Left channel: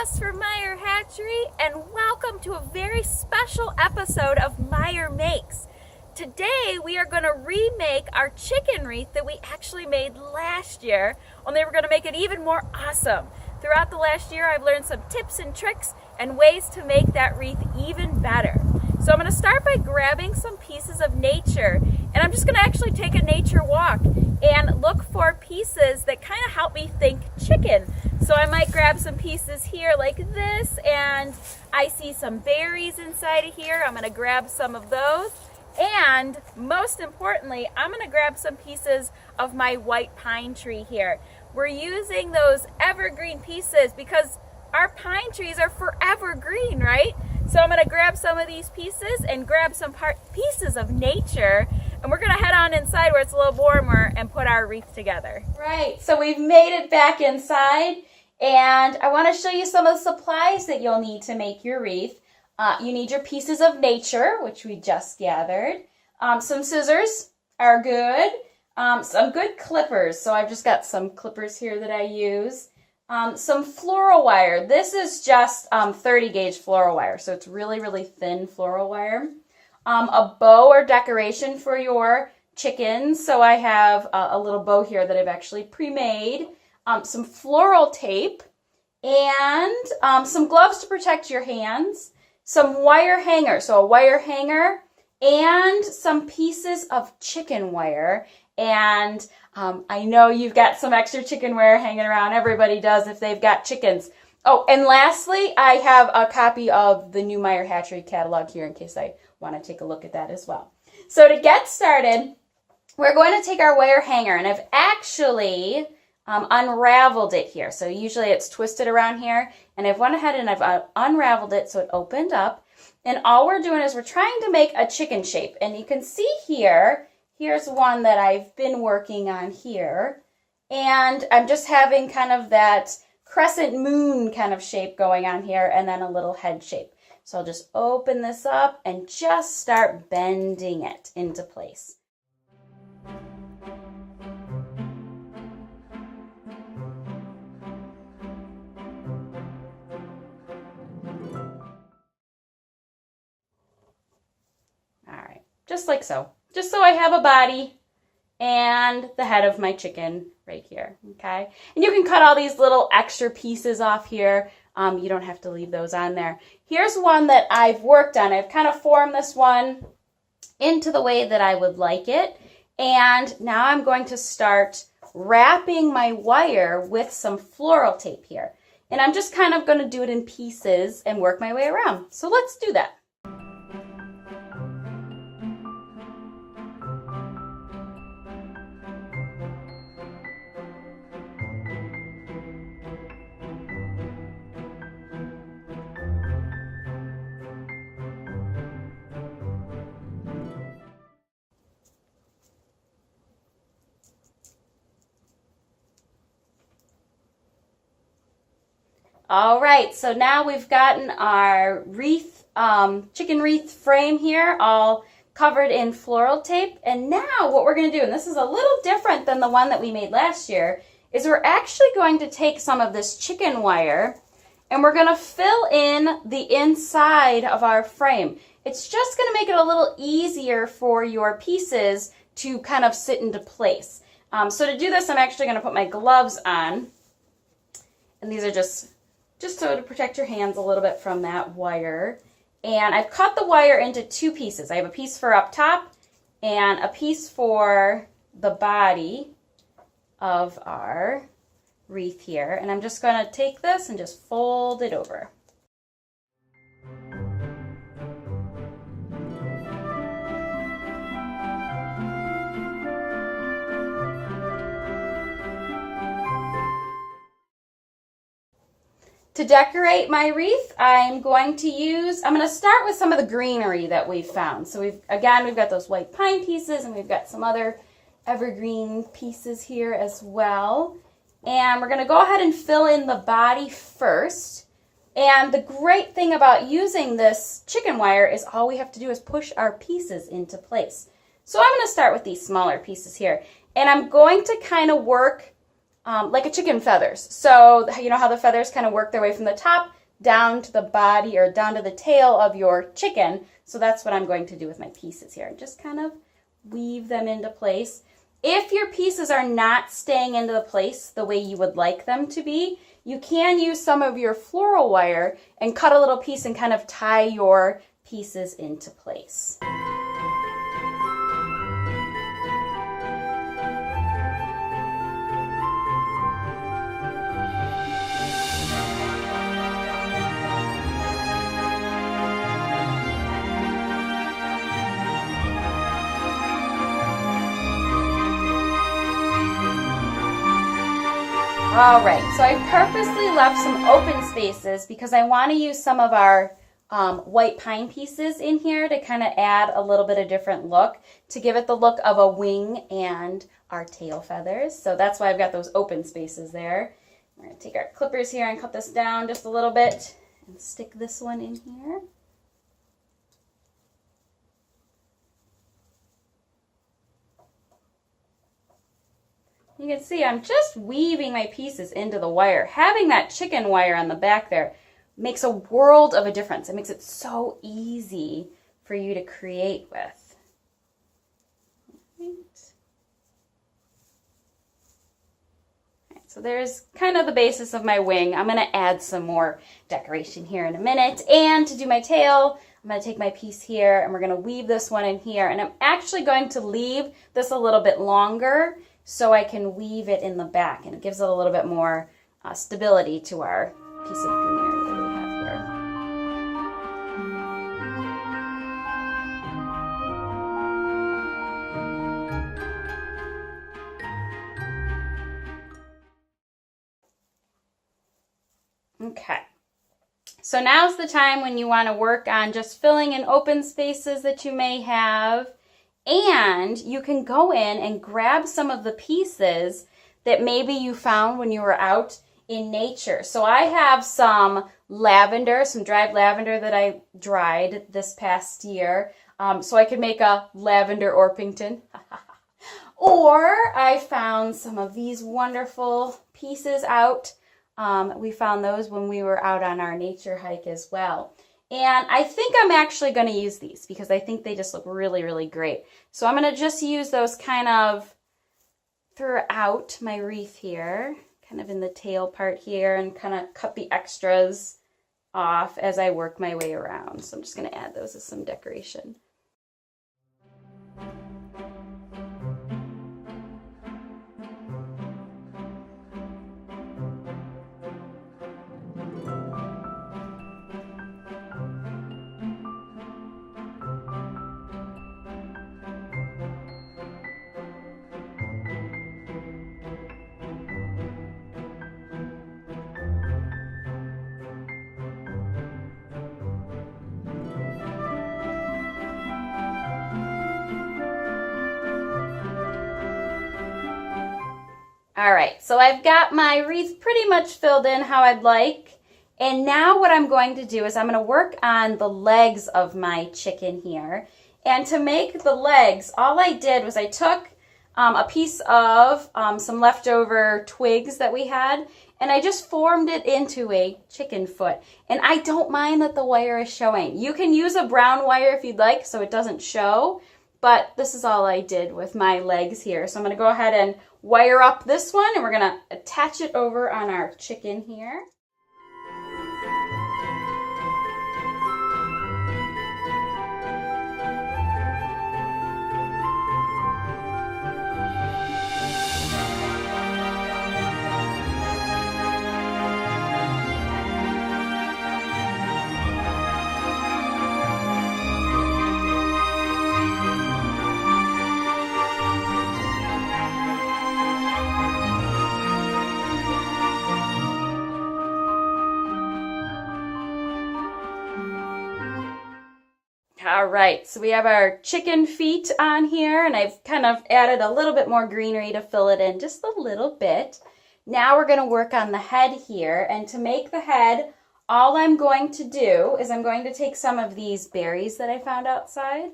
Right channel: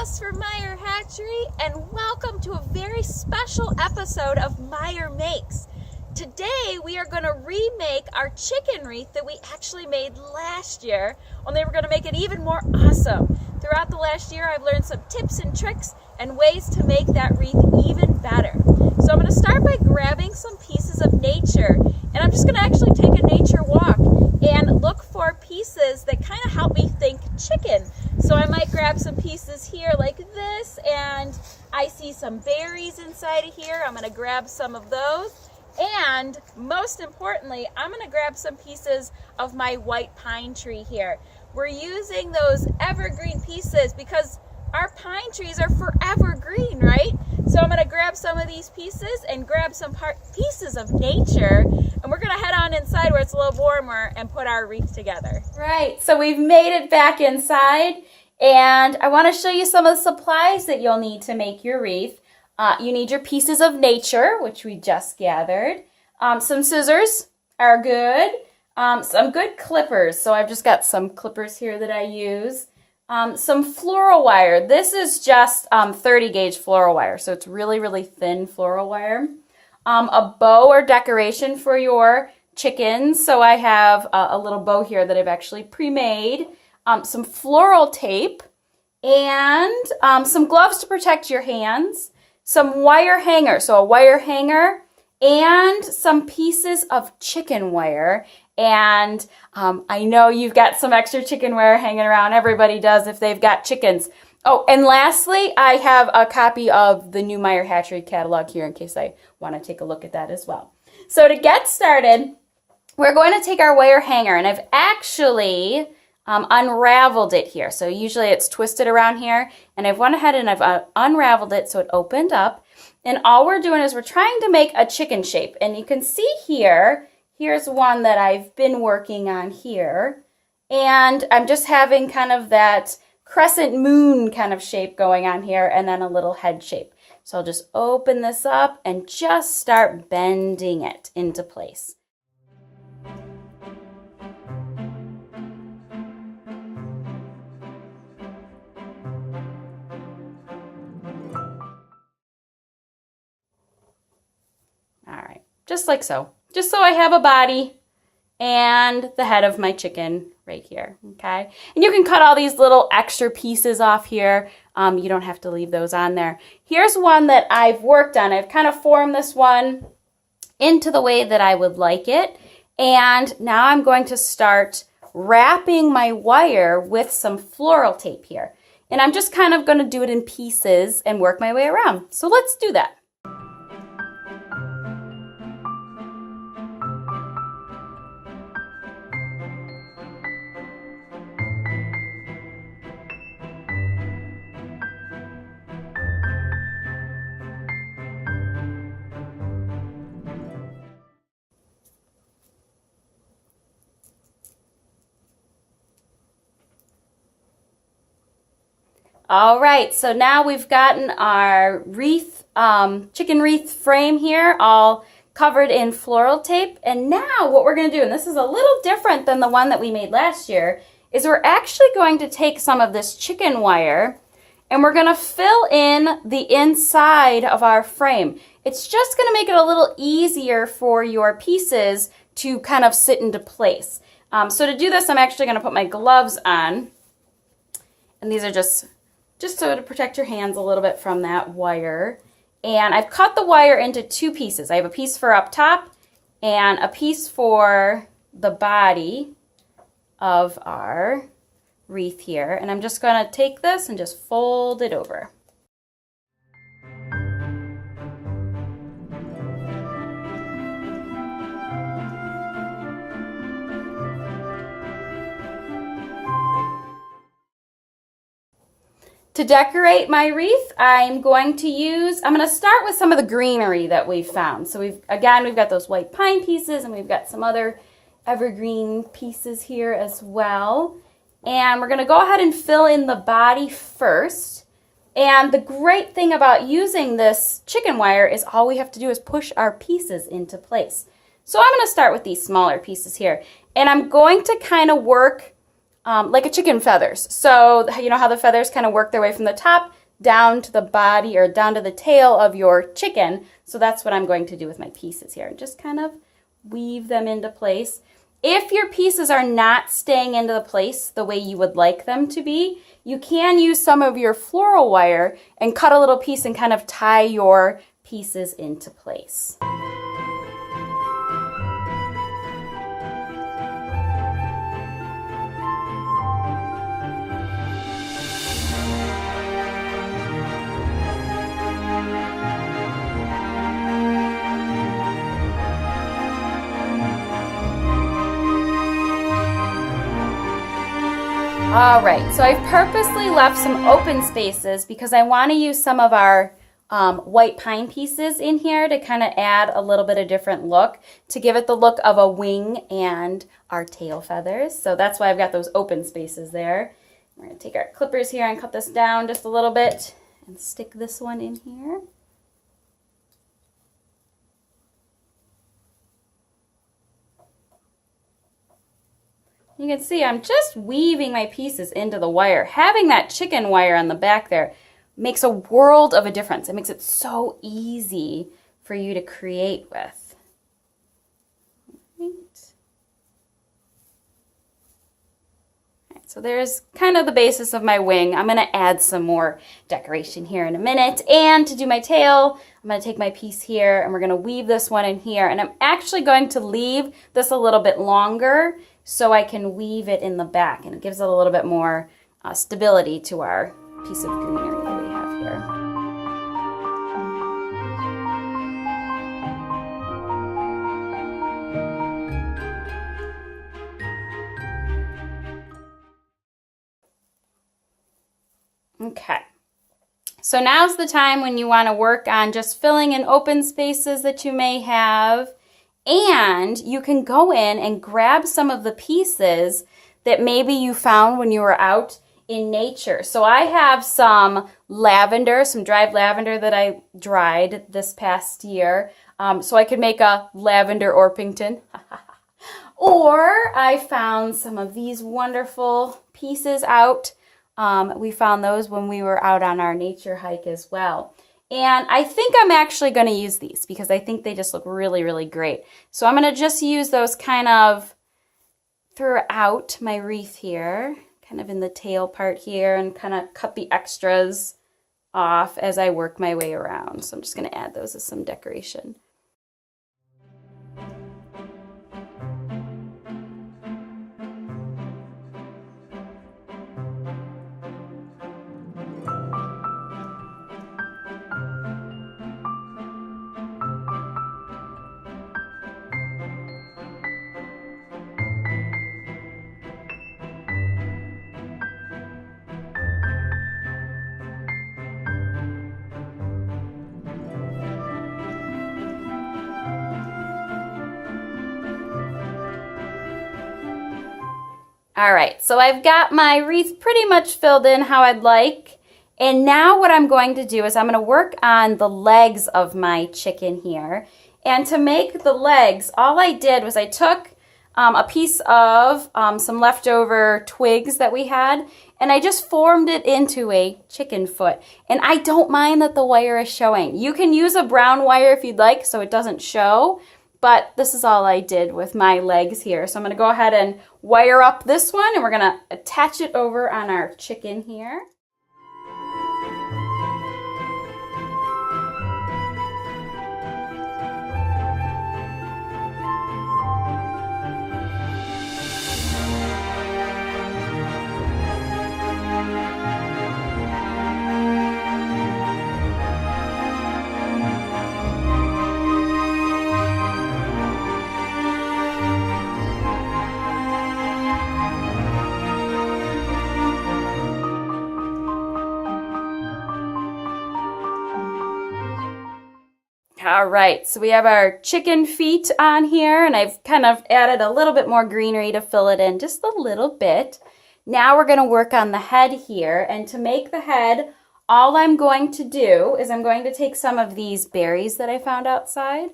Jess from Meyer Hatchery, and welcome to a very special episode of Meyer Makes. Today we are going to remake our chicken wreath that we actually made last year, only we're going to make it even more awesome. Throughout the last year I've learned some tips and tricks and ways to make that wreath even better. So I'm going to start by grabbing some pieces of nature, and I'm just going to actually take a nature walk and look for pieces that kind of help me think chicken. So I might grab some pieces here like this, and I see some berries inside of here. I'm going to grab some of those. And most importantly, I'm going to grab some pieces of my white pine tree here. We're using those evergreen pieces because our pine trees are forever green, right? So I'm going to grab some of these pieces and grab some pieces of nature, and we're going to head on inside where it's a little warmer and put our wreath together. Right, so we've made it back inside, and I want to show you some of the supplies that you'll need to make your wreath. You need your pieces of nature, which we just gathered. Some scissors are good. Some good clippers. So I've just got some clippers here that I use. Some floral wire. This is just 30 gauge floral wire, so it's really, really thin floral wire. A bow or decoration for your chickens. So I have a little bow here that I've actually pre-made. Some floral tape and some gloves to protect your hands. Some wire hanger, so a wire hanger, and some pieces of chicken wire. And I know you've got some extra chicken wire hanging around. Everybody does if they've got chickens. Oh, and lastly, I have a copy of the new Meyer Hatchery catalog here in case I want to take a look at that as well. So to get started, we're going to take our wire hanger, and I've actually unraveled it here. So usually it's twisted around here, and I've went ahead and I've unraveled it so it opened up. And all we're doing is we're trying to make a chicken shape. And you can see here, here's one that I've been working on here. And I'm just having kind of that crescent moon kind of shape going on here, and then a little head shape. So I'll just open this up and just start bending it into place. Just like so. Just so I have a body and the head of my chicken right here, okay? And you can cut all these little extra pieces off here. You don't have to leave those on there. Here's one that I've worked on. I've kind of formed this one into the way that I would like it. And now I'm going to start wrapping my wire with some floral tape here. And I'm just kind of going to do it in pieces and work my way around. So let's do that. All right, so now we've gotten our wreath, chicken wreath frame here, all covered in floral tape. And now what we're going to do, and this is a little different than the one that we made last year, is we're actually going to take some of this chicken wire and we're going to fill in the inside of our frame. It's just going to make it a little easier for your pieces to kind of sit into place. So to do this, I'm actually going to put my gloves on, and these are just so to protect your hands a little bit from that wire. And I've cut the wire into two pieces. I have a piece for up top and a piece for the body of our wreath here. And I'm just going to take this and just fold it over. To decorate my wreath, I'm going to start with some of the greenery that we've found. So we've got those white pine pieces, and we've got some other evergreen pieces here as well. And we're going to go ahead and fill in the body first. And the great thing about using this chicken wire is all we have to do is push our pieces into place. So I'm going to start with these smaller pieces here. And I'm going to kind of work like a chicken feathers. So you know how the feathers kind of work their way from the top down to the body or down to the tail of your chicken. So that's what I'm going to do with my pieces here. Just kind of weave them into place. If your pieces are not staying into the place the way you would like them to be, you can use some of your floral wire and cut a little piece and kind of tie your pieces into place. All right, so I've purposely left some open spaces because I want to use some of our white pine pieces in here to kind of add a little bit of different look, to give it the look of a wing and our tail feathers. So that's why I've got those open spaces there. We're going to take our clippers here and cut this down just a little bit and stick this one in here. You can see I'm just weaving my pieces into the wire. Having that chicken wire on the back there makes a world of a difference. It makes it so easy for you to create with. Right. Right, so there's kind of the basis of my wing. I'm going to add some more decoration here in a minute. And to do my tail, I'm going to take my piece here and we're going to weave this one in here. And I'm actually going to leave this a little bit longer so I can weave it in the back, and it gives it a little bit more stability to our piece of greenery that we have here. Okay, so now's the time when you want to work on just filling in open spaces that you may have. And you can go in and grab some of the pieces that maybe you found when you were out in nature. So I have some lavender, some dried lavender that I dried this past year. So I could make a lavender Orpington. Or I found some of these wonderful pieces out. We found those when we were out on our nature hike as well. And I think I'm actually going to use these because I think they just look really, really great. So I'm going to just use those kind of throughout my wreath here, kind of in the tail part here, and kind of cut the extras off as I work my way around. So I'm just going to add those as some decoration. All right, so I've got my wreath pretty much filled in how I'd like. And now what I'm going to do is I'm going to work on the legs of my chicken here. And to make the legs, all I did was I took a piece of some leftover twigs that we had, and I just formed it into a chicken foot. And I don't mind that the wire is showing. You can use a brown wire if you'd like so it doesn't show. But this is all I did with my legs here. So I'm going to go ahead and wire up this one, and we're going to attach it over on our chicken here. All right, so we have our chicken feet on here, and I've kind of added a little bit more greenery to fill it in just a little bit. Now we're going to work on the head here, and to make the head, all I'm going to do is I'm going to take some of these berries that I found outside,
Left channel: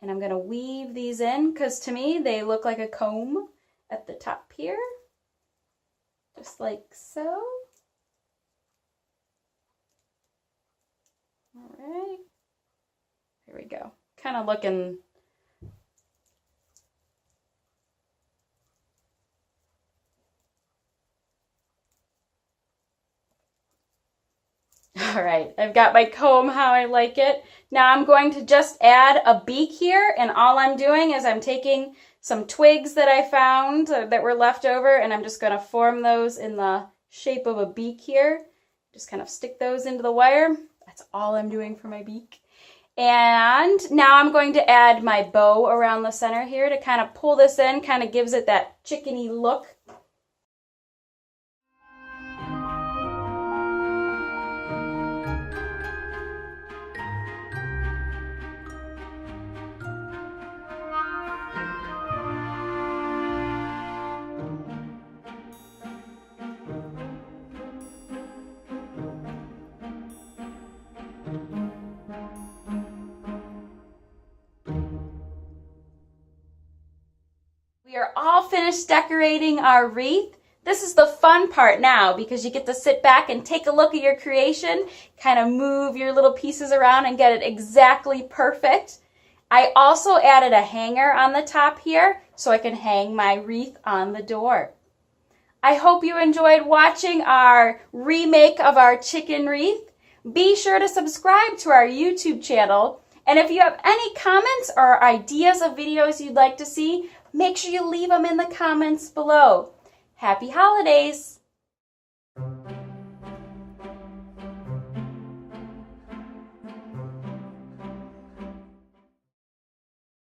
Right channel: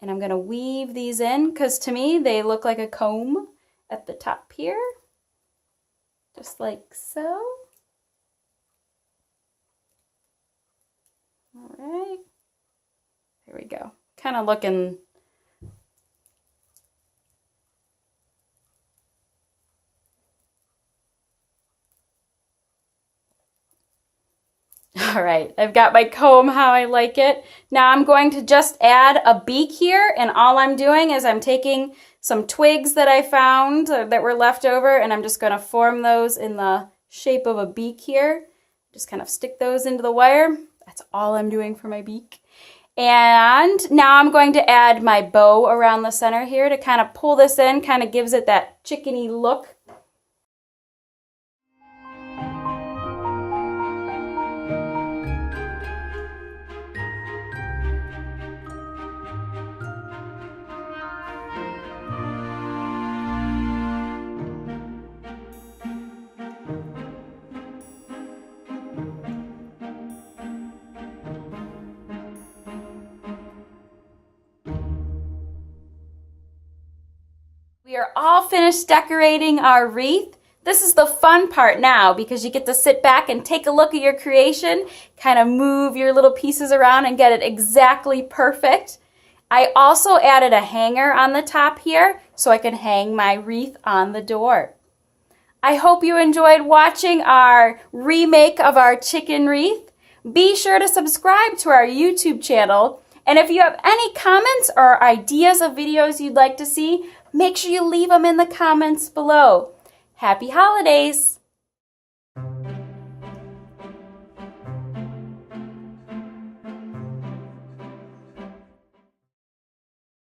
and I'm going to weave these in, because to me they look like a comb at the top here. just like so. All right, there we go. Kind of looking all right, I've got my comb how I like it. Now I'm going to just add a beak here, and all I'm doing is I'm taking some twigs that I found that were left over, and I'm just going to form those in the shape of a beak here. Just kind of stick those into the wire. That's all I'm doing for my beak. And now I'm going to add my bow around the center here to kind of pull this in, kind of gives it that chickeny look. We are all finished decorating our wreath. This is the fun part now because you get to sit back and take a look at your creation, kind of move your little pieces around and get it exactly perfect. I also added a hanger on the top here so I can hang my wreath on the door. I hope you enjoyed watching our remake of our chicken wreath. Be sure to subscribe to our YouTube channel. And if you have any comments or ideas of videos you'd like to see, make sure you leave them in the comments below. Happy holidays!